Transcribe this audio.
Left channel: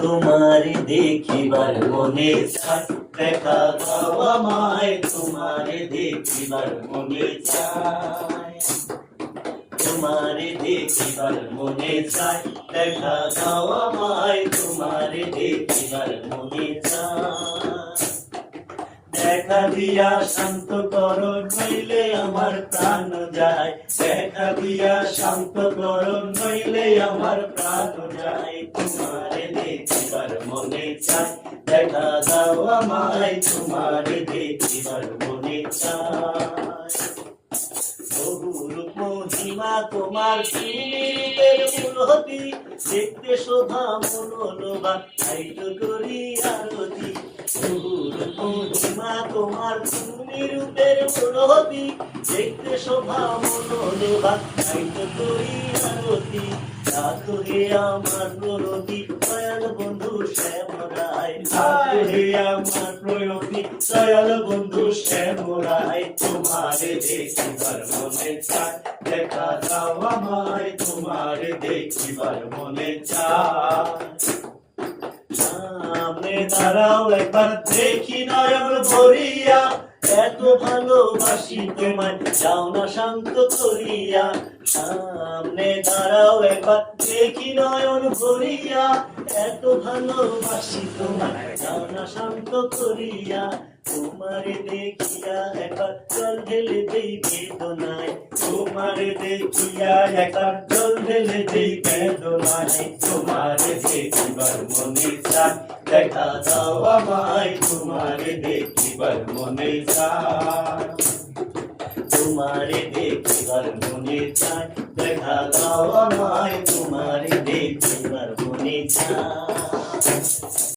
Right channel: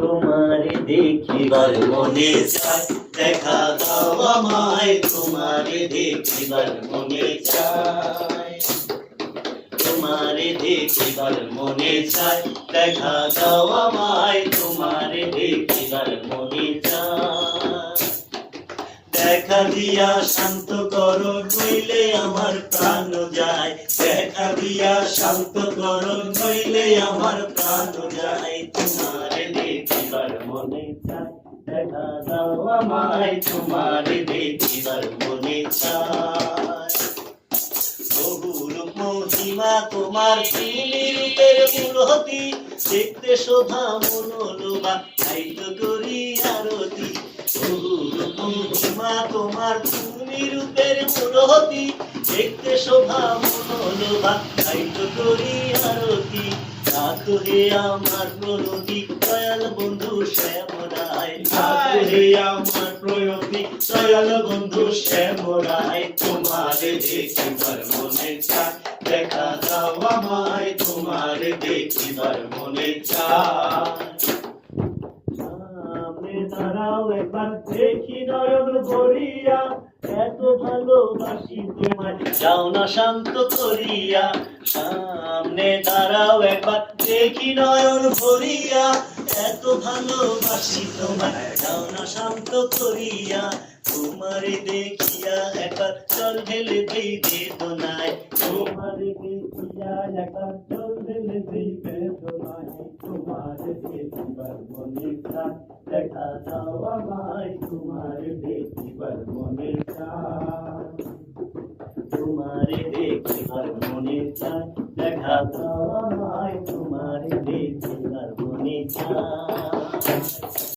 তোমারে দেখিবার মনে চায়, দেখা দাও আমায়, তোমারে দেখিবার মনে চায়। তোমারে দেখিবার মনে চায়, দেখা দাও আমায়, তোমারে দেখিবার মনে চায়। দেখা দিয়া শান্ত করো নইলে আমার প্রাণ যায়, দেখা দিয়া শান্ত করো নইলে আমার প্রাণ যায়। তোমারে দেখিবার মনে চায়, দেখা দাও আমায়, তোমারে দেখিবার মনে চায়। বহুরূপ মহিমা তোমার, তুমি রূপের মূরতি, দেখতে শোভা মনোলোভা, তাই তো করি আরতি। বহুরূপ মহিমা তোমার, তুমি রূপের মূরতি, দেখতে শোভা মনোলোভা, তাই তো করি আরতি। রাখো হে আমার প্রণতি দয়াল বন্ধু শ্যাম রায়, রাখো হে আমার প্রণতি দয়াল বন্ধু শ্যাম রায়। তোমারে দেখিবার মনে চায়, দেখা দাও আমায়, তোমারে দেখিবার মনে চায়। সামনে দাঁড়াও একবার দেখি নয়ন ভরিয়া, এত ভালোবাসি তোমায়, যাও না শান্ত করিয়া। সামনে দাঁড়াও একবার দেখি নয়ন ভরিয়া, এত ভালোবাসি তোমায়, যাও না শান্ত করিয়া। তোমারে দেখিয়া একবার জল ঢেলে দেই বেদনায়, তোমারে দেখিয়া একবার জল ঢেলে দেই বেদনায়। তোমারে দেখিবার মনে চায়, দেখা দাও আমায়, তোমারে দেখিবার মনে চায়। তোমারে দেখিবার মনে চায়, দেখা দাও আমায়, তোমারে দেখিবার মনে চায়।